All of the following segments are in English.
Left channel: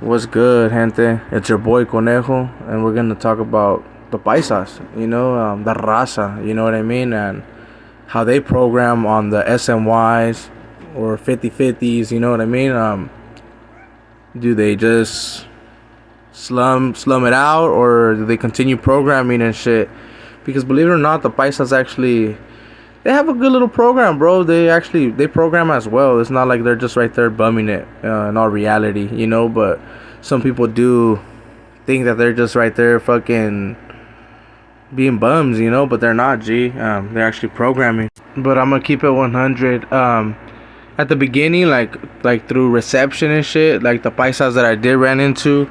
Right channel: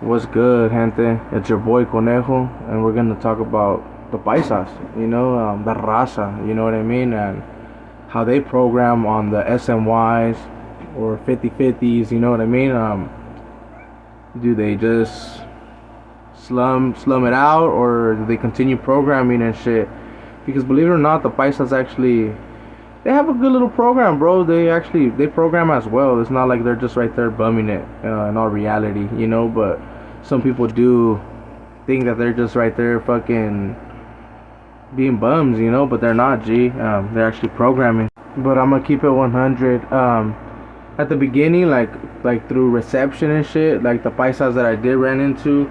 What's good, gente? It's your boy Conejo, and we're gonna talk about the paisas, the Raza, you know what I mean, and how they program on the SNYs or 50/50s, you know what I mean. Do they just slum it out, or do they continue programming and shit? Because believe it or not, the paisas actually they have a good little program, bro. They program as well. It's not like they're just right there bumming it in all reality, But some people do think that they're just right there fucking being bums, But they're not. They're actually programming. But I'm gonna keep it 100. At the beginning, like through reception and shit, like the paisas that I did ran into,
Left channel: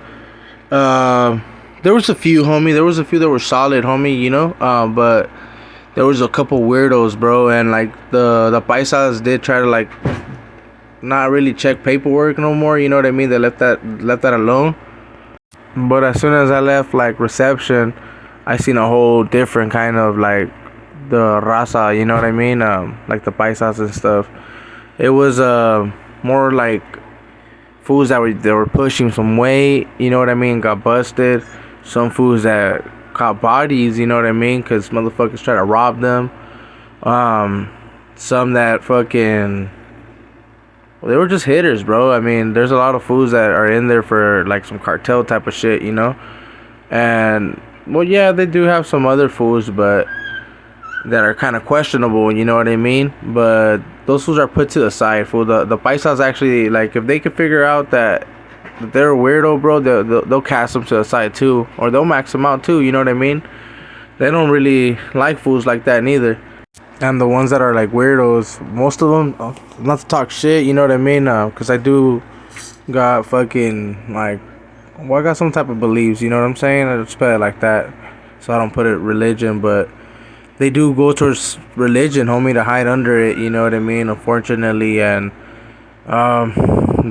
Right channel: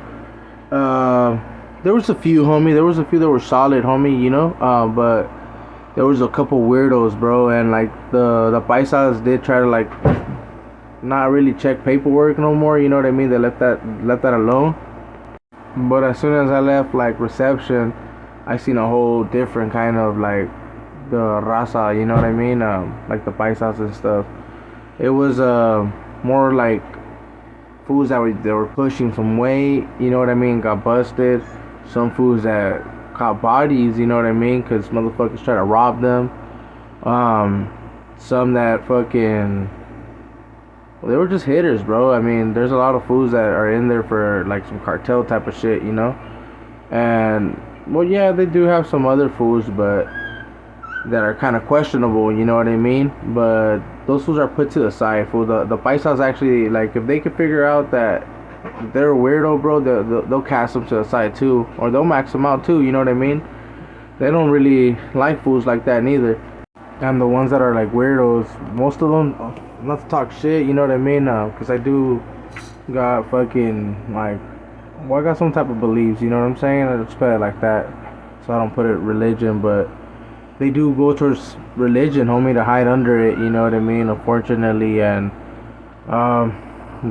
uh, there was a few, homie. There was a few that were solid, homie. But there was a couple weirdos, bro, and like the paisas did try to like not really check paperwork no more. You know what I mean? They left that alone. But as soon as I left like reception, I seen a whole different kind of like the raza. You know what I mean? Like the paisas and stuff. It was more like fools that were pushing some weight. You know what I mean? Got busted. Some fools that caught bodies. You know what I mean? Because motherfuckers try to rob them. Some that fucking they were just hitters, bro. I mean, there's a lot of fools that are in there for like some cartel type of shit, And well, yeah, they do have some other fools, but that are kind of questionable. You know what I mean? But those fools are put to the side. Fool, the paisas actually like if they could figure out that they're a weirdo, bro, they'll cast them to the side too, or they'll max them out too. You know what I mean? They don't really like fools like that neither. And the ones that are like weirdos, most of them, not to talk shit, you know what I mean? Because I do got fucking like, well, I got some type of beliefs, you know what I'm saying? I just put it like that, so I don't put it religion, but they do go towards religion, homie, to hide under it, you know what I mean? Unfortunately, and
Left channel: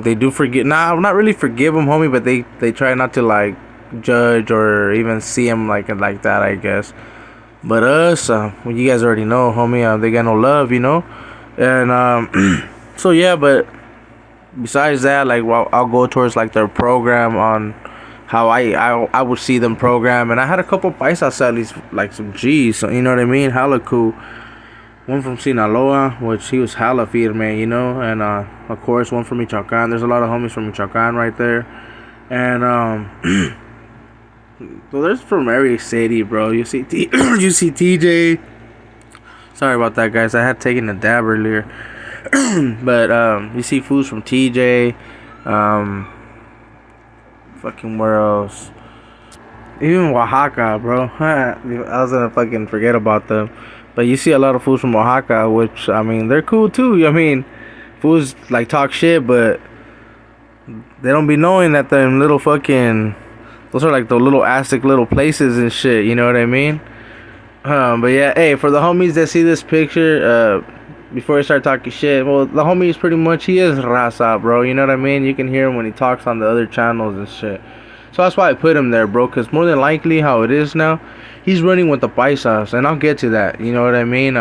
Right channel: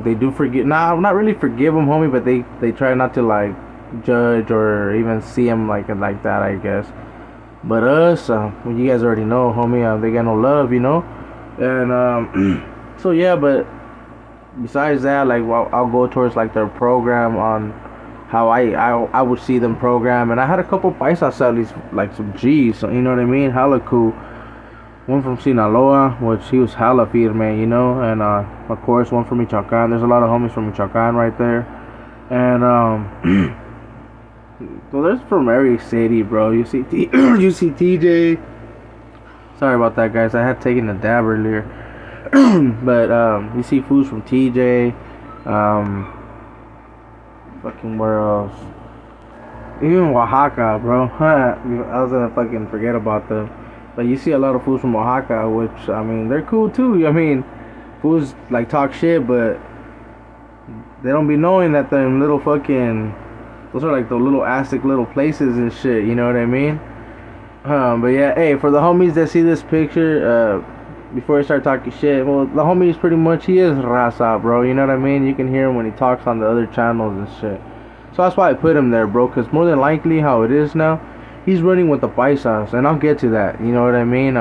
they do forget. Nah, not really forgive them, homie, but they try not to like judge or even see them like that, I guess. But us, well, you guys already know, homie. They got no love, And so yeah, but besides that, like, well, I'll go towards like their program on how I would see them program, and I had a couple paisa sellies, like some G's, so, you know what I mean? Hella cool. One from Sinaloa, which he was hella firme, and of course one from Michoacan. There's a lot of homies from Michoacan right there, and so there's from every city, bro. You see, you see TJ. Sorry about that, guys. I had taken a dab earlier, but you see foods from TJ. Fucking where else? Even Oaxaca, bro. I was gonna fucking forget about them, but you see a lot of foods from Oaxaca, which I mean they're cool too. I mean, foods like talk shit, but they don't be knowing that them little fucking those are like the little Aztec little places and shit, you know what I mean? But yeah, hey, for the homies that see this picture, before I start talking shit, well, the homie is pretty much, he is Raza, bro, you know what I mean? You can hear him when he talks on the other channels and shit. So that's why I put him there, bro, because more than likely how it is now, he's running with the paisas, and I'll get to that, you know what I mean?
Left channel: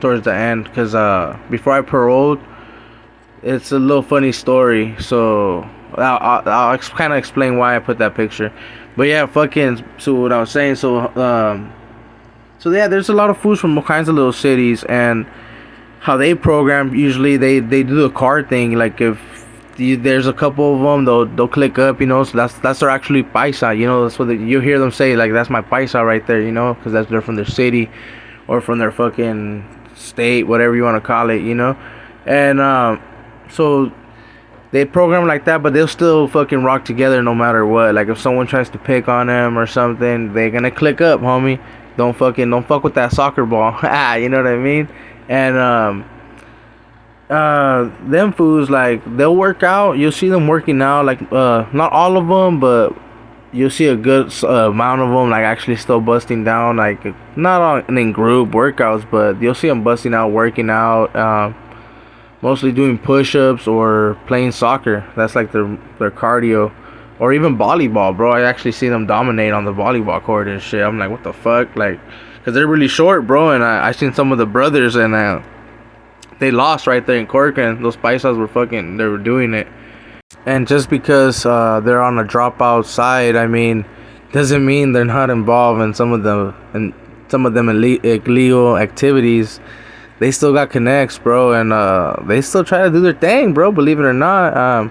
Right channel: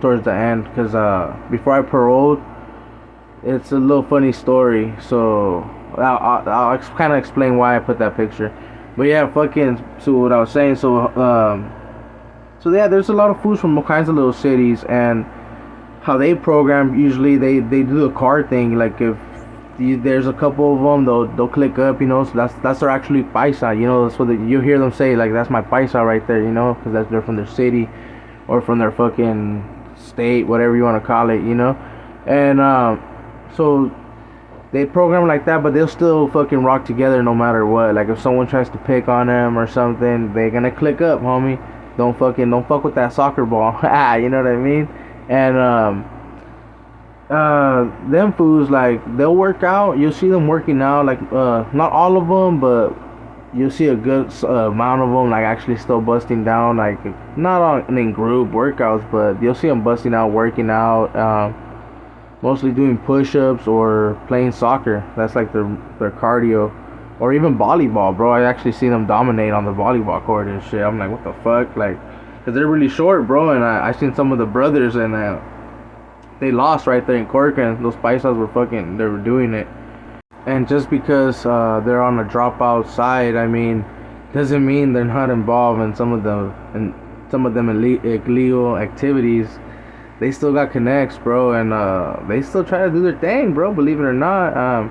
Towards the end, because before I paroled, it's a little funny story, so I'll kind of explain why I put that picture. But yeah, fucking, so what I was saying, so yeah, there's a lot of foods from all kinds of little cities, and how they program, usually they do the card thing, like if there's a couple of them, they'll click up, so that's their actually paisa, that's what you hear them say, like, that's my paisa right there, because they're from their city, or from their fucking state, whatever you want to call it, and so they program like that, but they'll still fucking rock together no matter what. Like if someone tries to pick on them or something, they're gonna click up, homie. Don't fuck with that soccer ball. You know what I mean? And them fools, like, they'll work out. You'll see them working out, like not all of them, but you'll see a good amount of them like actually still busting down, like not all in group workouts, but you'll see them busting out, working out. Mostly doing push-ups or playing soccer. That's like their cardio, or even volleyball, bro. I actually see them dominate on the volleyball court and shit. I'm like, what the fuck, like, cause they're really short, bro. And I seen some of the brothers, and they lost right there in Cork, and those paisas were fucking, they were doing it. And just because they're on a dropout side, I mean, doesn't mean they're not involved in some of them illegal activities. They still got connects, bro, and they still try to do their thing, bro. Believe it or not.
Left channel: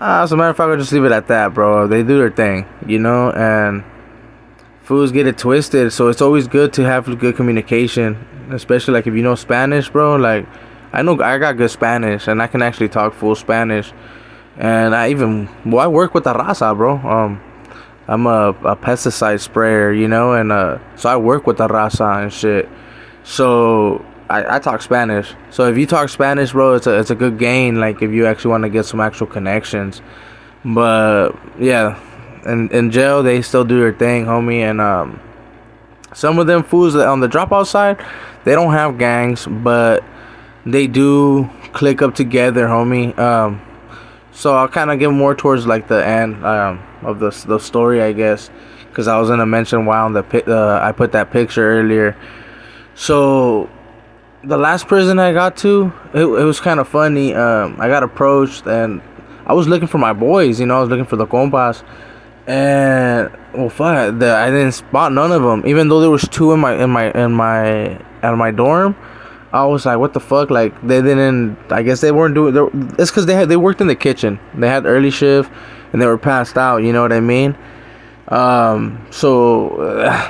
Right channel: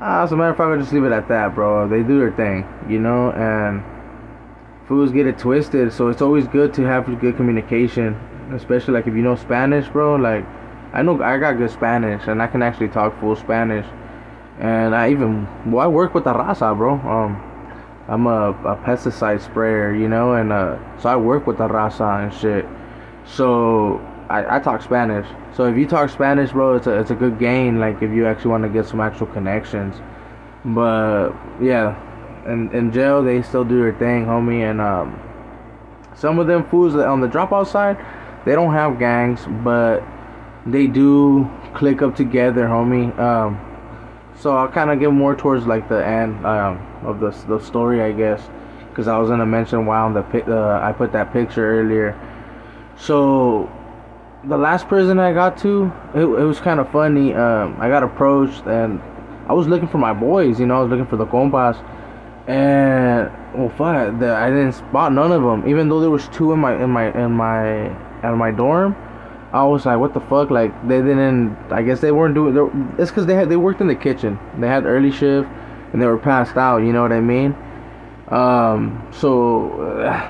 As a matter of fact, I'll just leave it at that, bro. They do their thing, and fools get it twisted. So it's always good to have good communication, especially like if you know Spanish, bro. Like I know I got good Spanish, and I can actually talk full Spanish. And I work with the Raza, bro. I'm a pesticide sprayer, and so I work with the Raza and shit. So I talk Spanish. So if you talk Spanish, bro, it's a good gain. Like if you actually want to get some actual connections. But yeah, in jail they still do their thing, homie. And some of them fools that on the dropout side, they don't have gangs, but they do click up together, homie. So I'll kind of get more towards like the end of the story, I guess, because I was gonna mention why on I put that picture earlier. So the last prison I got to, it was kind of funny. I got approached and I was looking for my boys. I was looking for the compas, and well, fuck, I didn't spot none of them. Even though there was two in my dorm, I was like, what the fuck? Like they didn't. I guess they weren't doing. It's because they worked in the kitchen. They had early shift, and they were passed out. You know what I mean? So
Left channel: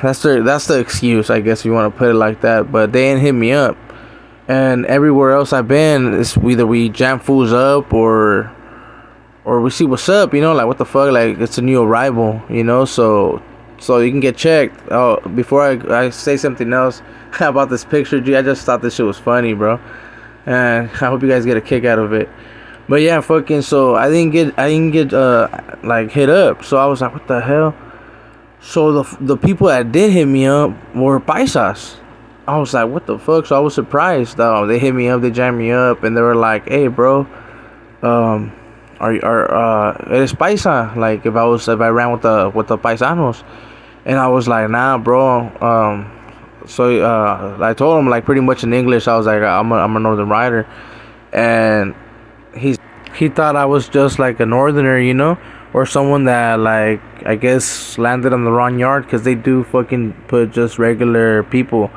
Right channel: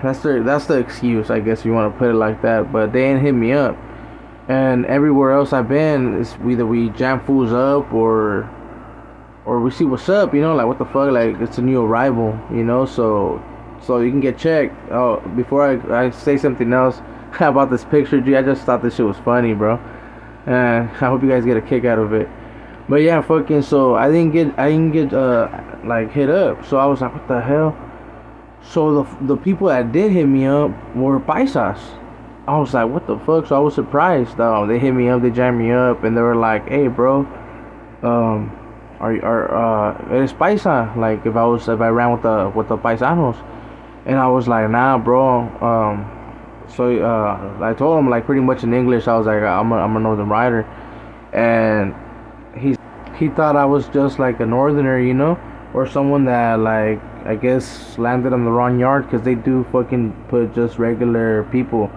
that's the excuse, I guess, if you want to put it like that. But they ain't hit me up, and everywhere else I've been, it's either we jam fools up or we see what's up. Like what the fuck? Like it's a new arrival. So you can get checked. Oh, before I say something else about this picture, G, I just thought this shit was funny, bro, and I hope you guys get a kick out of it. But yeah, fucking. So I didn't get like hit up. So I was like, what the hell? So the people that did hit me up were paisas. I was like, what the fuck? So I was surprised. They hit me up, they jammed me up, and they were like, hey, bro, it is paisa? Like if I ran with the paisanos, and I was like, nah, bro. So I told him like pretty much in English. I was like, I'm a northern rider, and he thought I was just like a northerner, or someone that like I guess landed on the wrong yard, because they do fucking put just regular people.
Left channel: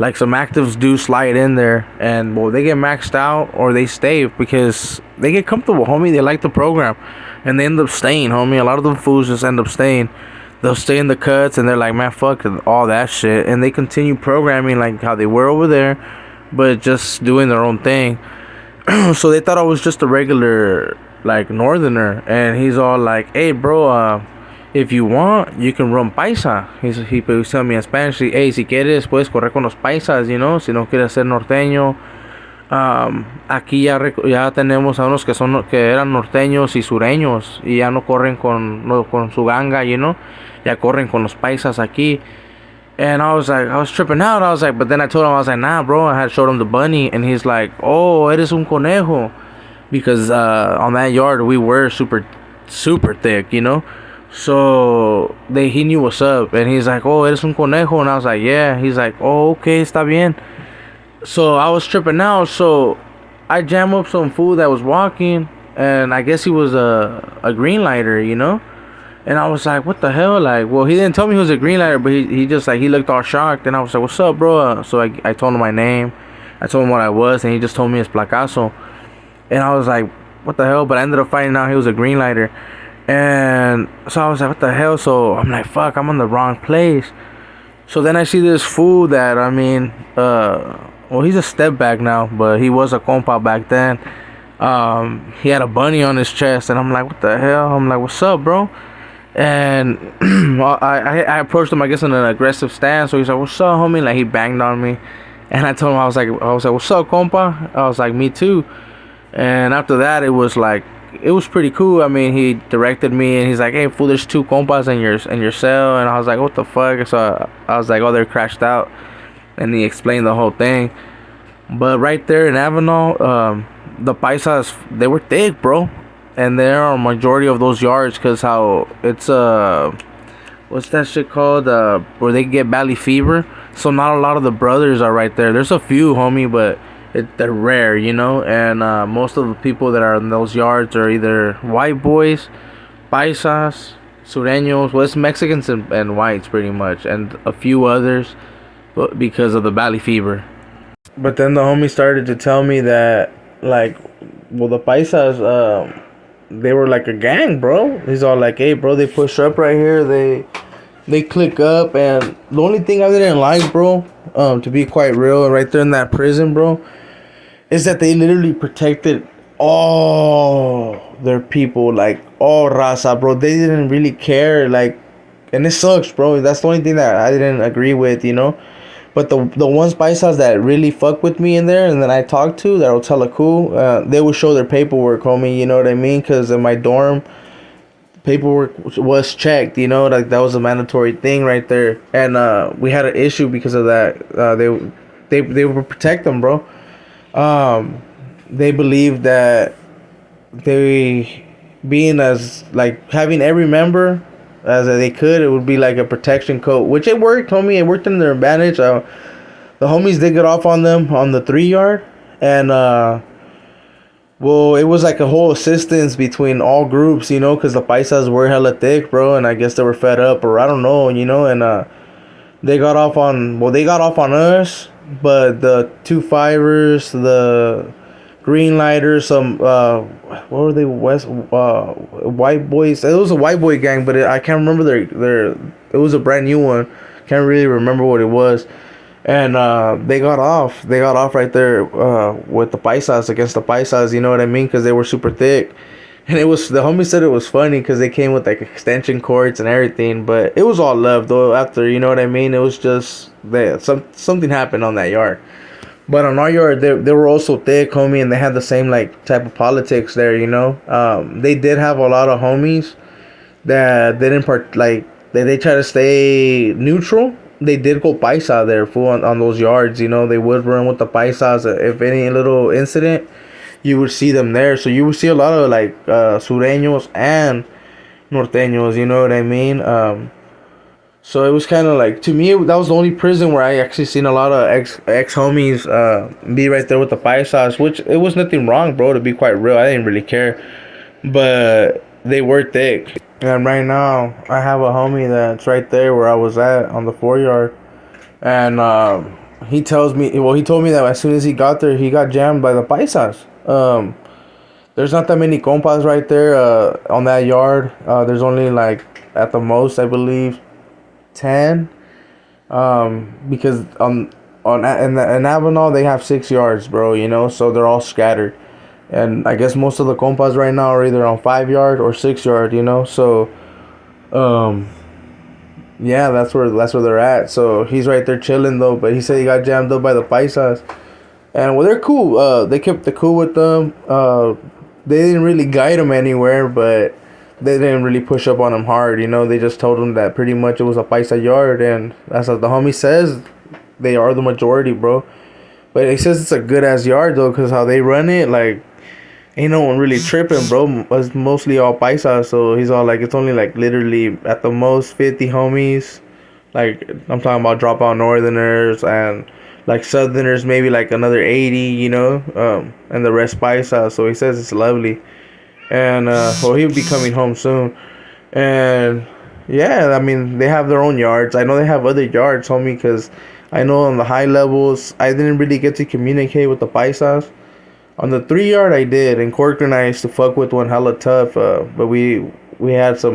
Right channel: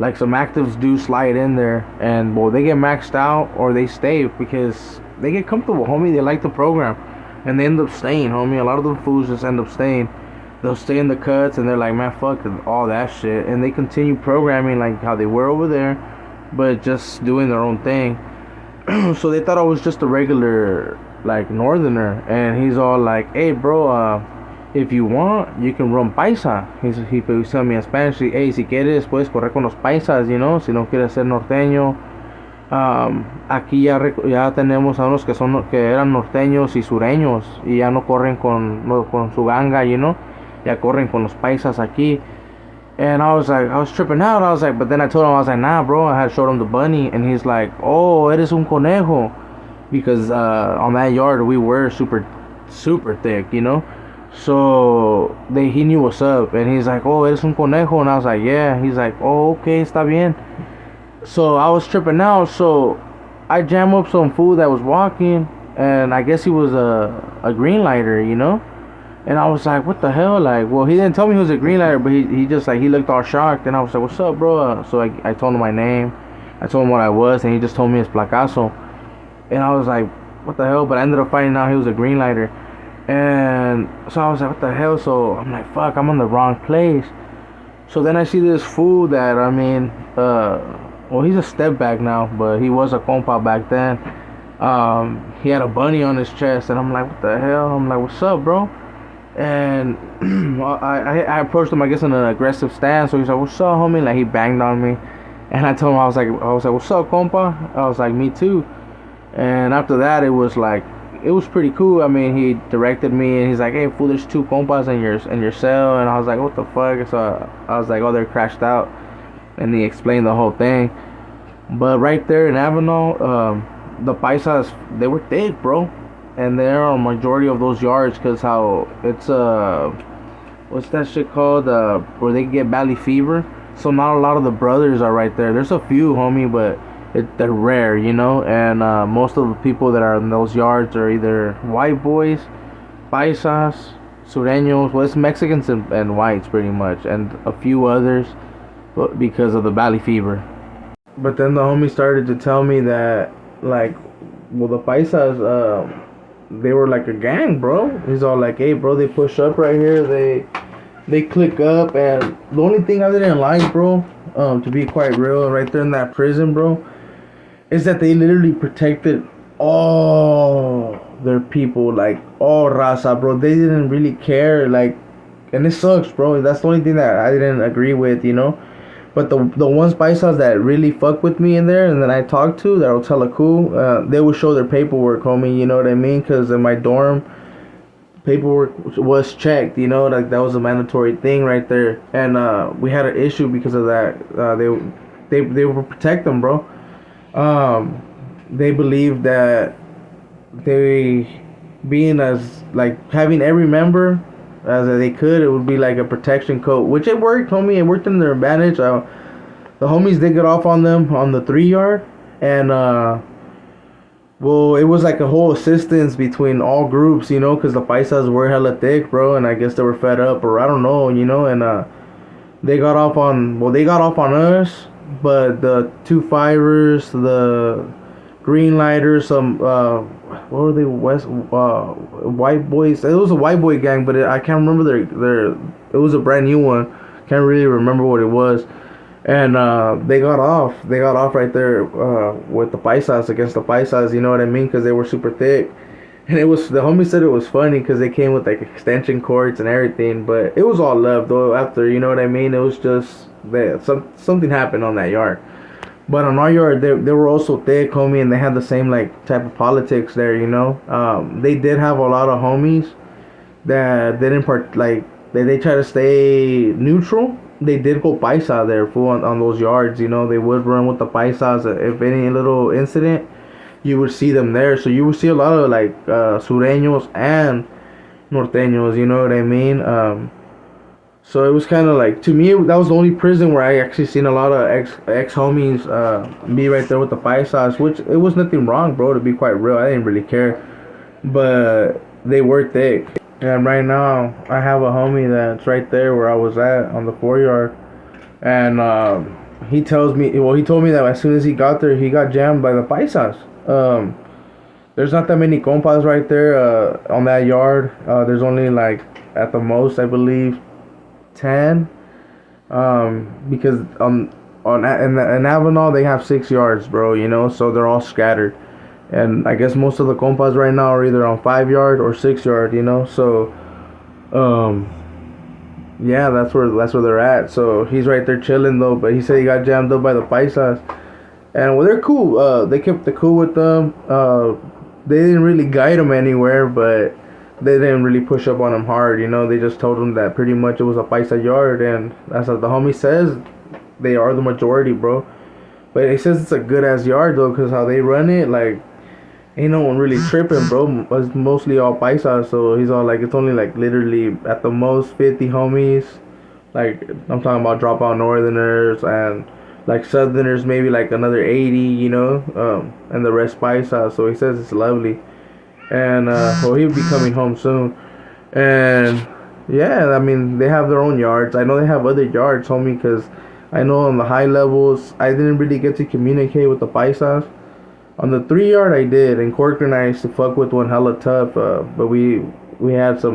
Like some actives do slide in there, and well, they get maxed out or they stay because they get comfortable, homie. They like the program, and they end up staying, homie. A lot of them fools just end up staying. They'll stay in the cuts, and they're like, man, fuck all that shit, and they continue programming like how they were over there, but just doing their own thing. So they thought I was just a regular like northerner, and he's all like, hey, bro, if you want, you can run paisa. He was telling me in Spanish, hey, si quieres puedes correr con los paisas, si no quieres ser norteño. Aquí ya tenemos a unos que eran norteños y sureños, y ya no corren con su ganga, ya corren con los paisas aquí. And I was tripping out. I was like, but then I told him, I was like, nah, bro. I had showed him the bunny, and he's like, oh, eres un conejo, because on that yard we were super, super thick, So he knew what's up, and he's like, oh, eres un conejo, and I was like, yeah. He's like, oh, okay, está bien. So I was tripping out. So I jam up some fool that was walking, and I guess he was a green lighter, And I was like, what the hell? Like, well, he didn't tell me he was a green lighter, but he just like, he looked all shocked, and I was like, what's up, bro? So I told him my name, I told him what I was, and he just told me his placazo, and I was like, what the hell? But I ended up finding out he was a green lighter, and so I was like, what the hell? So I'm like, fuck, I'm on the wrong place. So then I see this fool that, well, he's a step back now, but he was a compa back then. He had a bunny on his chest, and I'm like, what the hell? I'm like, what's up, bro? And I approached him, I guess, in an aggressive stance. So he's like, what's up, homie? Like, he banged on me, and I told him, I was like, what's up, compa? I was like, me too. And after that, it was pretty cool. I mean, he directed me, and he's like, hey, fool, there's two compas in your cell. And I was like, what the fuck? So I was like, oh, they're crashed out. And he explained the whole thing. But right there in Avenal, the paisas, they were thick, bro. And there are a majority of those yards, because how it's what's that shit called, where they get valley fever. So not a lot of the brothers are right there. There's a few, homie, but they're rare, you know. And most of the people that are in those yards are either white boys, paisas, sureños. Well, it's Mexicans and whites pretty much, and a few others, but because of the valley fever. But then the homie started to tell me that, like, well, the paisas, they were like a gang, bro. He's all like, hey, bro, they push up right here. They click up, and the only thing I didn't like, bro, to be quite real, and right there in that prison, bro, is that they literally protected all their people, like all Raza, bro. They didn't really care, like, and it sucks, bro. That's the only thing that I didn't agree with, you know. But the ones paisas that really fuck with me in there, and then I talk to that will tell a cool, they would show their paperwork, homie. You know what I mean? Because in my dorm, paperwork was checked. You know, like that was a mandatory thing right there, and we had an issue because of that. They would protect them, bro. They believe that they being as like having every member as they could, it would be like a protection coat, which it worked, homie. It worked in their advantage. The homies did get off on them on the 3 yard, and well, it was like a whole assistance between all groups, you know, because the paisas were hella thick, bro, and I guess they were fed up, or I don't know, you know, and they got off on us, but the 2 5ers, the green lighters, some what were they, west white boys. It was a white boy gang, but I can't remember their. It was a brand new one. Can't really remember what it was. And they got off. They got off right there with the paisas against the paisas. You know what I mean? Because they were super thick. And it was, the homie said it was funny because they came with like extension cords and everything. But it was all love though. After, you know what I mean? It was just that something happened on that yard. But on our yard, they were also thick, homie, and they had the same like type of politics there. You know, they did have a lot of homies that didn't like they try to stay neutral. They did go paisa there, fool, on those yards. You know, they would run with the paisas. If any little incident, you would see them there. So you would see a lot of like sureños and norteños. You know what I mean? So it was kind of like, to me, that was the only prison where I actually seen a lot of ex homies be right there with the paisas, which it was nothing wrong, bro. To be quite real, I didn't really care, but they were thick. And right now, I have a homie that's right there where I was at on the 4 yard, and he tells me, well, he told me that as soon as he got there, he got jammed by the paisas. There's not that many compas right there on that yard. There's only like at the most, I believe, 10, because in Avenal they have 6 yards, bro, you know, so they're all scattered, and I guess most of the compas right now are either on 5 yard or 6 yard, you know, so yeah, that's where they're at. So he's right there chilling though, but he said he got jammed up by the paisas, and well, they're cool. They kept the cool with them. They didn't really guide him anywhere, but they didn't really push up on him hard, you know. They just told him that pretty much it was a paisa yard, and that's what the homie says. They are the majority, bro. But he says it's a good ass yard though, cause how they run it, like, ain't no one really tripping, bro. It's mostly all paisa, so he's all like, it's only like literally at the most 50 homies. Like, I'm talking about dropout northerners and like southerners, maybe like another 80, you know, and the rest paisa. So he says it's lovely. And well, he'll be coming home soon, and yeah, I mean, they have their own yards. I know they have other yards, homie, because I know on the high levels I didn't really get to communicate with the paisas. On the 3 yard I did, and Cork and I used to fuck with one hella tough, but we had a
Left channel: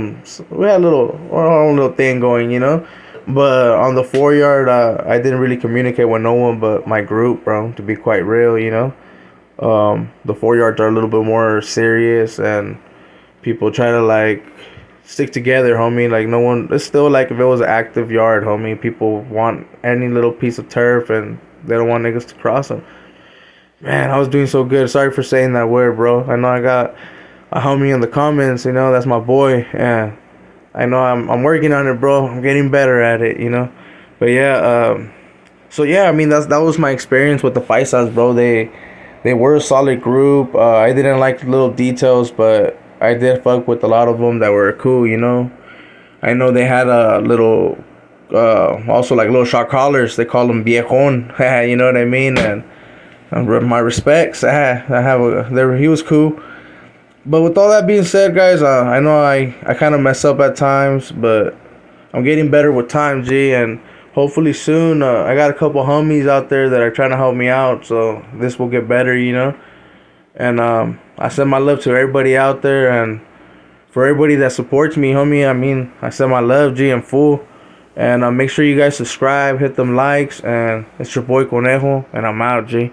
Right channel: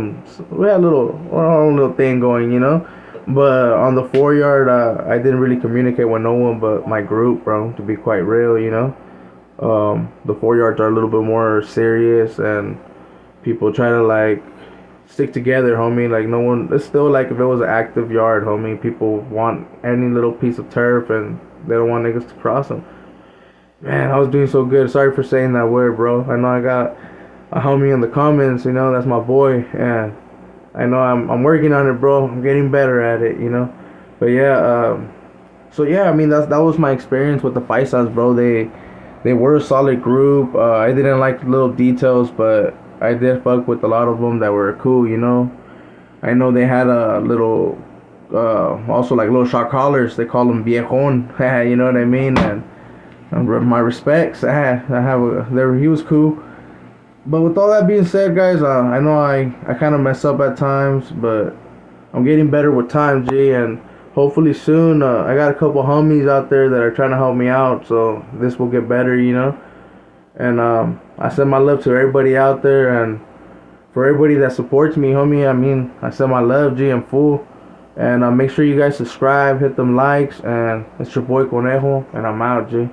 little our own little thing going, you know. But on the 4 yard, I didn't really communicate with no one but my group, bro, to be quite real, you know. The 4 yards are a little bit more serious, and people try to like stick together, homie. Like, no one, it's still like if it was an active yard, homie, people want any little piece of turf and they don't want niggas to cross them. Man, I was doing so good. Sorry for saying that word, bro. I know I got a homie in the comments, you know, that's my boy, and I know I'm working on it, bro. I'm getting better at it, you know. But yeah, so yeah, I mean, that was my experience with the paisas, bro. They were a solid group. I didn't like the little details, but I did fuck with a lot of them that were cool, you know. I know they had a little, also like little shot callers. They call them viejon, you know what I mean? And My respects. I have a there. He was cool. But with all that being said, guys, I know I kind of mess up at times, but I'm getting better with time, G, and hopefully soon. I got a couple homies out there that are trying to help me out, so this will get better, you know. And I send my love to everybody out there, and for everybody that supports me, homie. I mean, I send my love, G, in full. And make sure you guys subscribe, hit them likes, and it's your boy Conejo, and I'm out, G.